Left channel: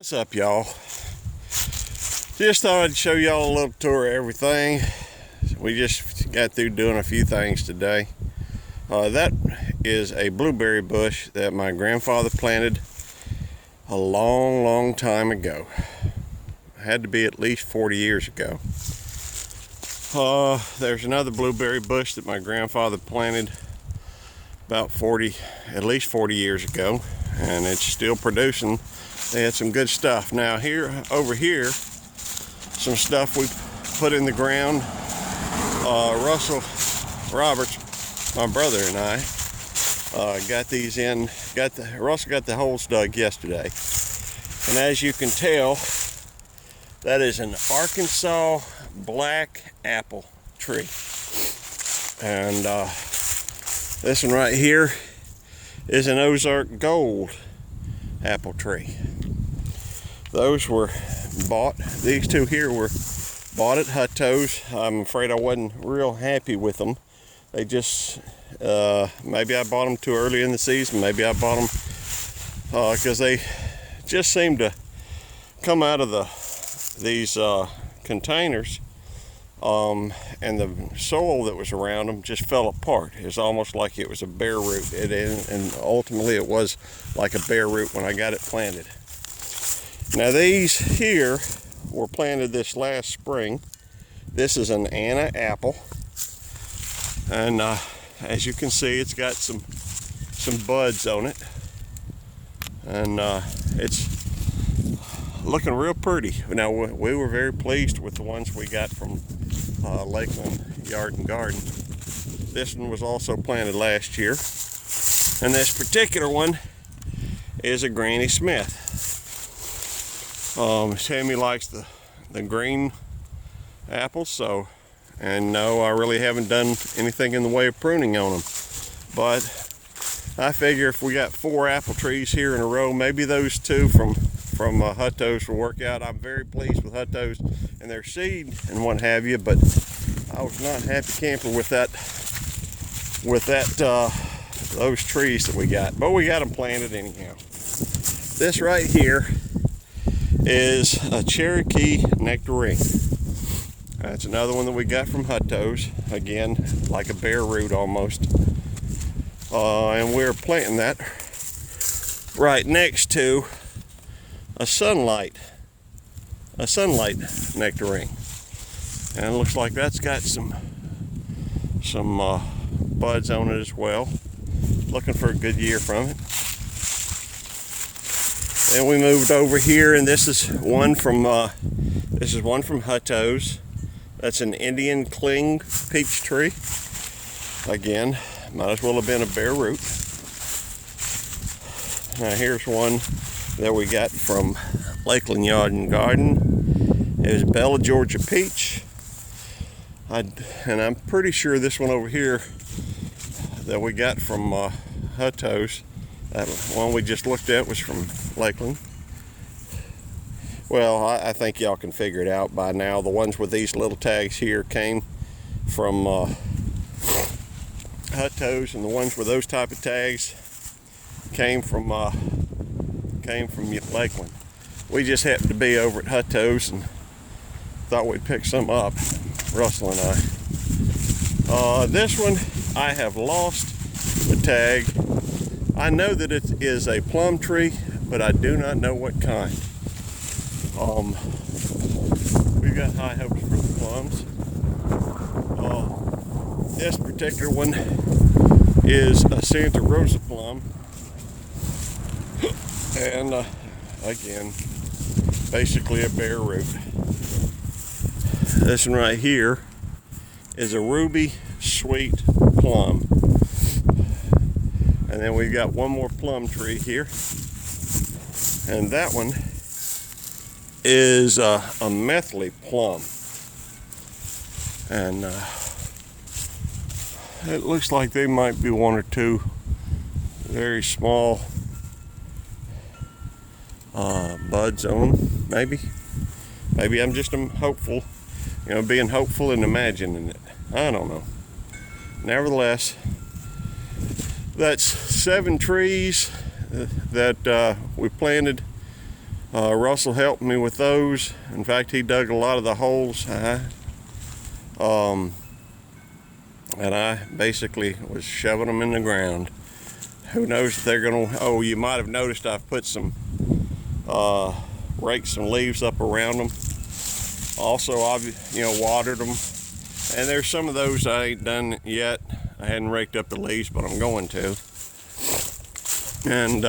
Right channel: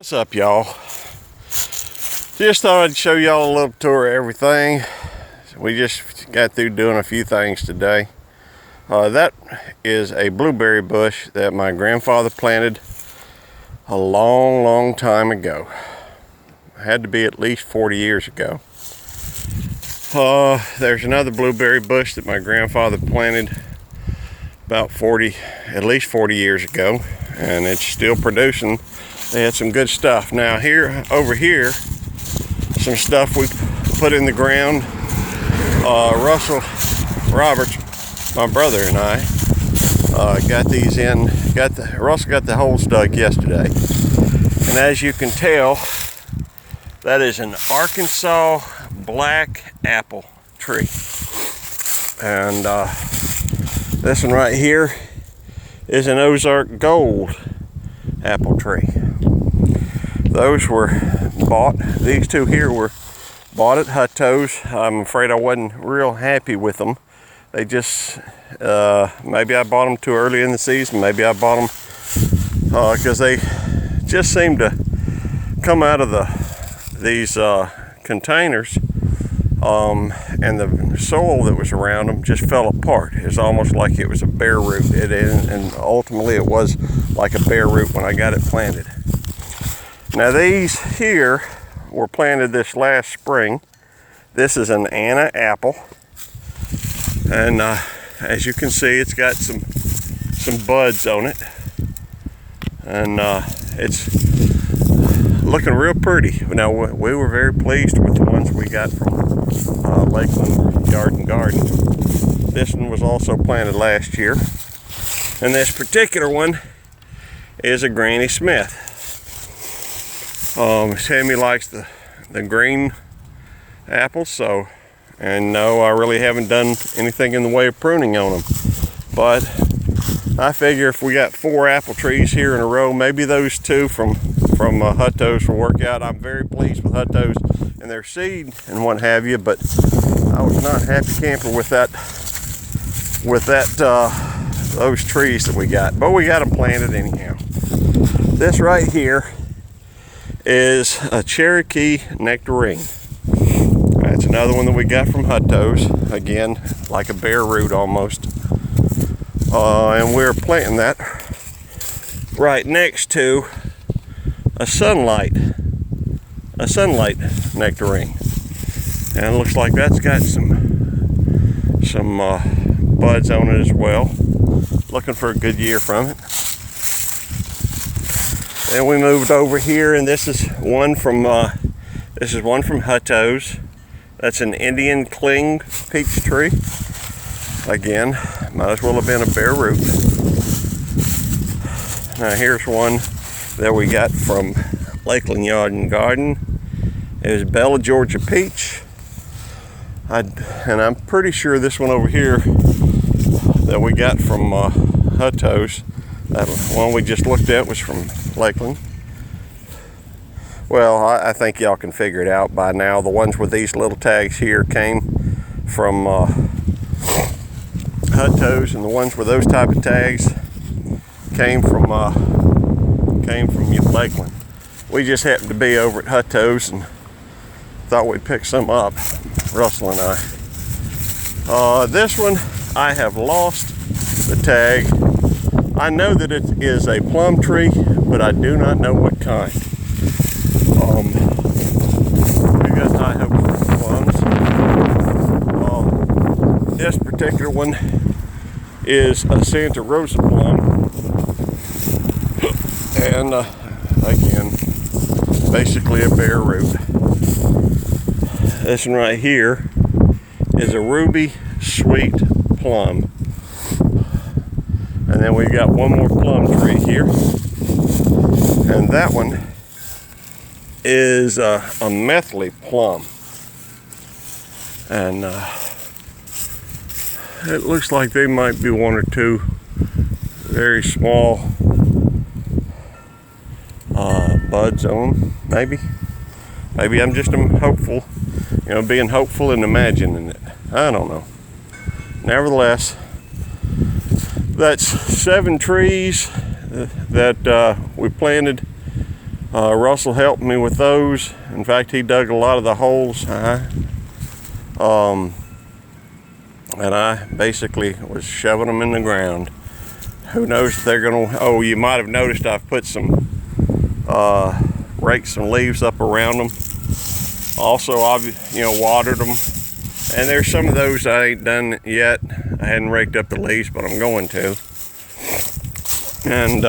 What's up, y'all? Just thought I'd show y'all a little tour of everything. We just got through doing a few things today. That is a blueberry bush that my grandfather planted a long time ago. It had to be at least 40 years ago. There's another blueberry bush that my grandfather planted about at least 40 years ago, and it's still producing. They had some good stuff. Now over here, some stuff we put in the ground. Russell Roberts, my brother, and I got these in. Russell got the holes dug yesterday, and as you can tell, that is an Arkansas black apple tree. And this one right here is an Ozark gold apple tree. Those were bought, these two here were bought at Hutto's. I'm afraid I wasn't real happy with them. They just, maybe I bought them too early in the season. Maybe I bought them because they just seemed to come out of these containers, and the soil that was around them just fell apart. It's almost like it was a bare root, and ultimately it was like a bare root when I got it planted. Now these here were planted this last spring. This is an Anna apple, and as you can see, it's got some buds on it, and it's looking real pretty. Now we were very pleased with the ones we got from Lakeland Garden. This one was also planted last year, and this particular one is a Granny Smith. Sammy likes the green apples, and no, I really haven't done anything in the way of pruning on them. But I figure if we got 4 apple trees here in a row, maybe those two from Hutto's will work out. I'm very pleased with Hutto's and their seed and what have you, but I was not happy camper with those trees that we got. But we got them planted anyhow. This right here is a Cherokee nectarine. That's another one that we got from Hutto's. Again, like a bare root almost. And we're planting that right next to a sunlight nectarine. And it looks like that's got some buds on it as well. Looking for a good year from it. And we moved over here, and this is one from Hutto's. That's an Indian cling peach tree. Again, might as well have been a bare root. Now here's one that we got from Lakeland Yard and Garden. It is Bella Georgia peach. And I'm pretty sure this one over here that we got from Hutto's, that one we just looked at, was from Lakeland. Well, I think y'all can figure it out by now. The ones with these little tags here came from Hutto's, and the ones with those type of tags came from Lakeland. We just happened to be over at Hutto's and thought we'd pick some up, Russell and I. This one, I have lost the tag. I know that it is a plum tree, but I do not know what kind. We got high hopes for plums. This particular one is a Santa Rosa plum, and again, basically a bare root. This one right here is a ruby sweet plum. And then we got one more plum tree here. And that one is a methley plum. And it looks like they might be one or two very small buds on them, maybe. Maybe I'm just hopeful, being hopeful and imagining it. I don't know. Nevertheless, that's 7 trees that we planted Russell helped me with those. In fact, he dug a lot of the holes. And I basically was shoving them in the ground. Who knows if they're gonna, oh, you might have noticed I've put some, raked some leaves up around them. Also, I've, watered them. And there's some of those I ain't done yet. I hadn't raked up the leaves, but I'm going to. And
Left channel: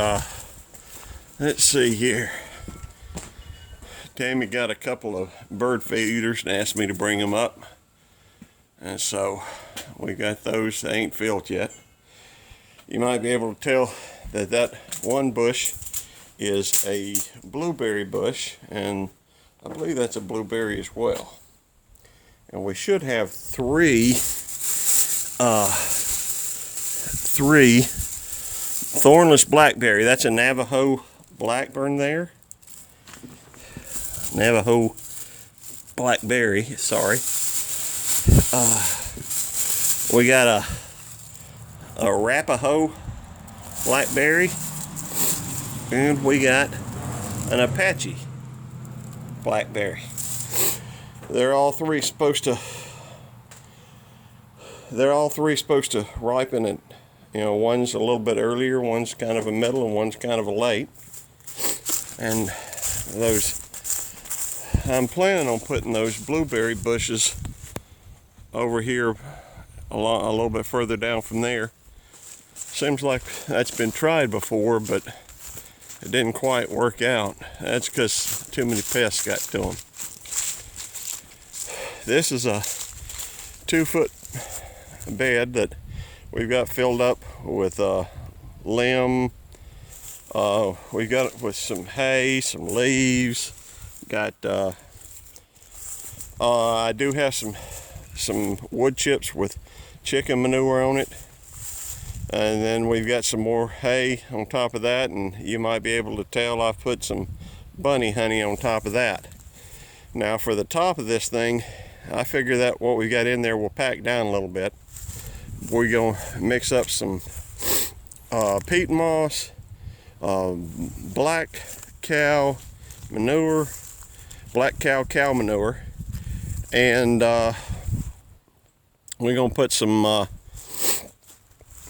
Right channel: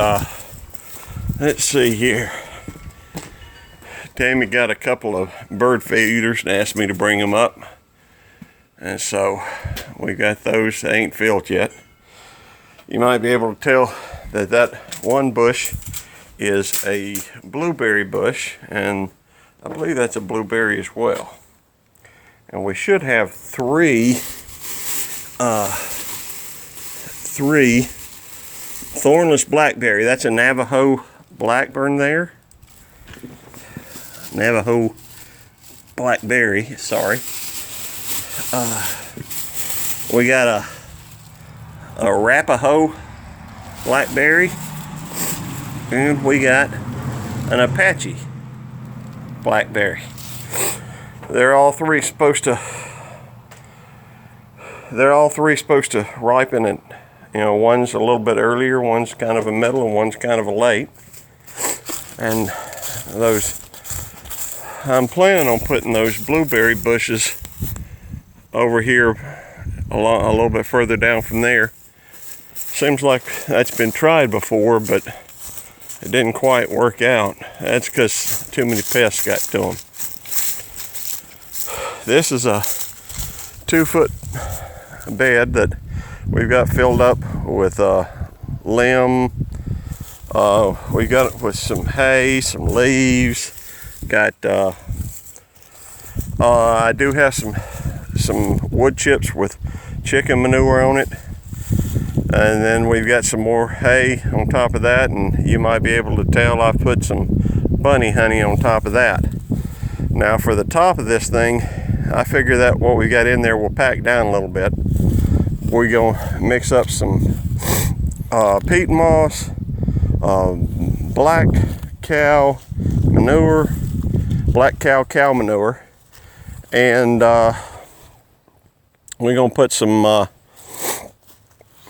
let's see here. Tammy got a couple of bird feeders and asked me to bring them up. And so we got those. They ain't filled yet. You might be able to tell that that one bush is a blueberry bush, and I believe that's a blueberry as well. And we should have three thornless blackberry. That's a Navajo blackburn there. Navajo blackberry, sorry. We got a Arapaho blackberry, and we got an Apache blackberry. They're all three supposed to ripen at, one's a little bit earlier, one's kind of a middle, and one's kind of a late. And those, I'm planning on putting those blueberry bushes over here a little bit further down from there. Seems like that's been tried before, but it didn't quite work out. That's because too many pests got to them. This is a 2-foot bed that we've got filled up with limb. We got it with some hay, some leaves. Got I do have some wood chips with chicken manure on it, and then we've got some more hay on top of that, and you might be able to tell I've put some bunny honey on top of that. Now for the top of this thing, I figure that what we got in there will pack down a little bit. We're gonna mix up some peat moss, black cow manure, and we're gonna put some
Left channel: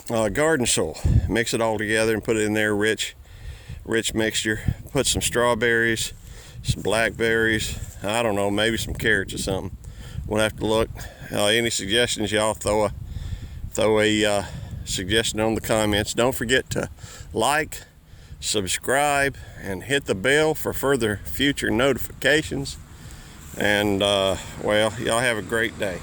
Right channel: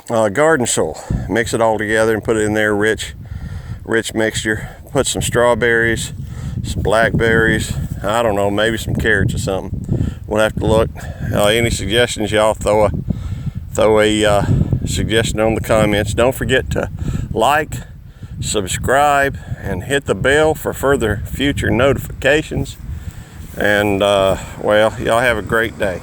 garden soil, mix it all together and put it in there, rich mixture. Put some strawberries, some blackberries, I don't know, maybe some carrots or something. We'll have to look. Any suggestions, y'all, throw a suggestion on the comments. Don't forget to like, subscribe, and hit the bell for further future notifications. And well, y'all have a great day.